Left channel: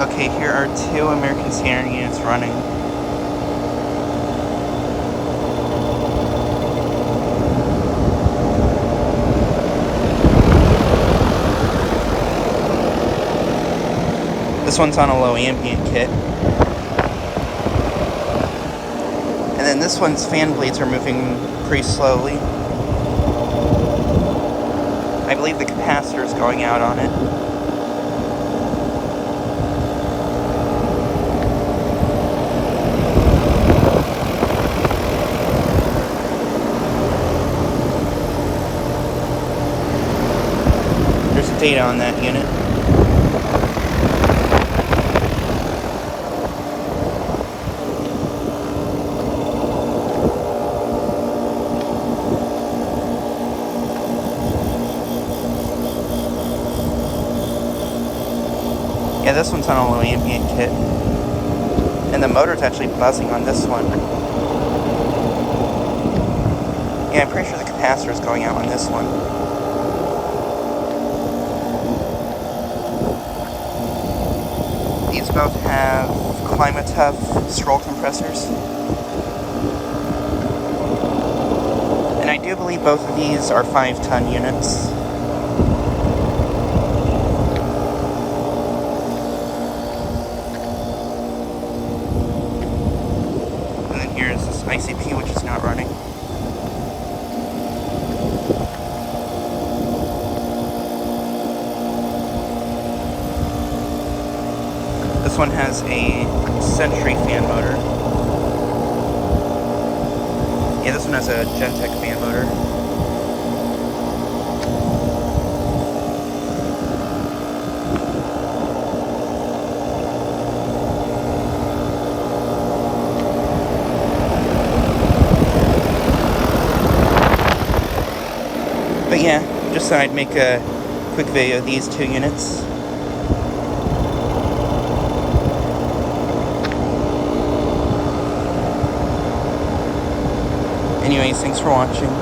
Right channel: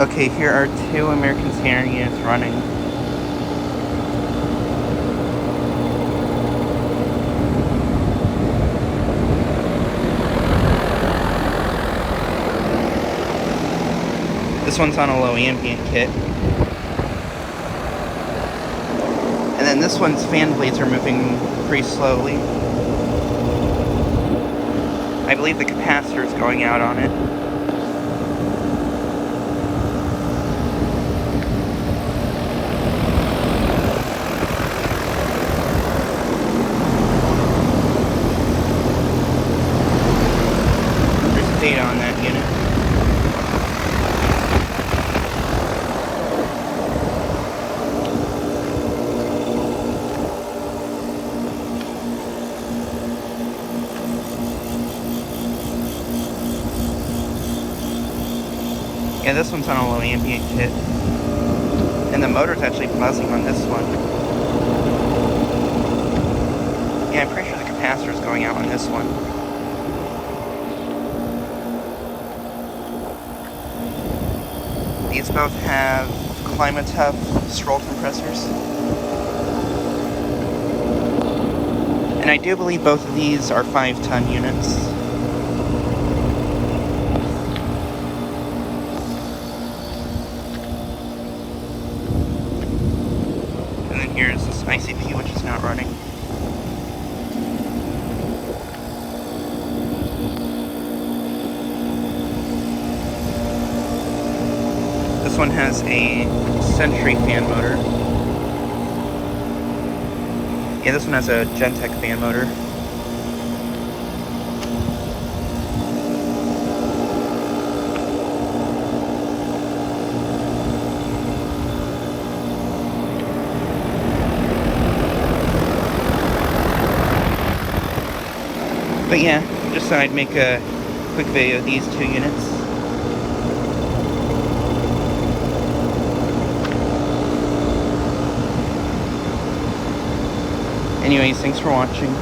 Okay, here are two American Standard units running. This one's on a low ambient kit. And then this one's fan blades are moving pretty slowly. I believe the capacitor is going out on it. There's data on that unit. Yeah, this one's on a low ambient kit. And the motor's actually buzzing on this one. Yeah, I'm pretty sure the capacitor is going out on this one. These both have Climate-Tough stroll compressors. And I do believe both of these are 5-ton units. And then here's this ICP, which is not running. This one has a Sentry fan motor. Yeah, this one has a Gentech fan motor. But yeah, just thought I'd make a quick video of these two units. Anyways, thanks for watching.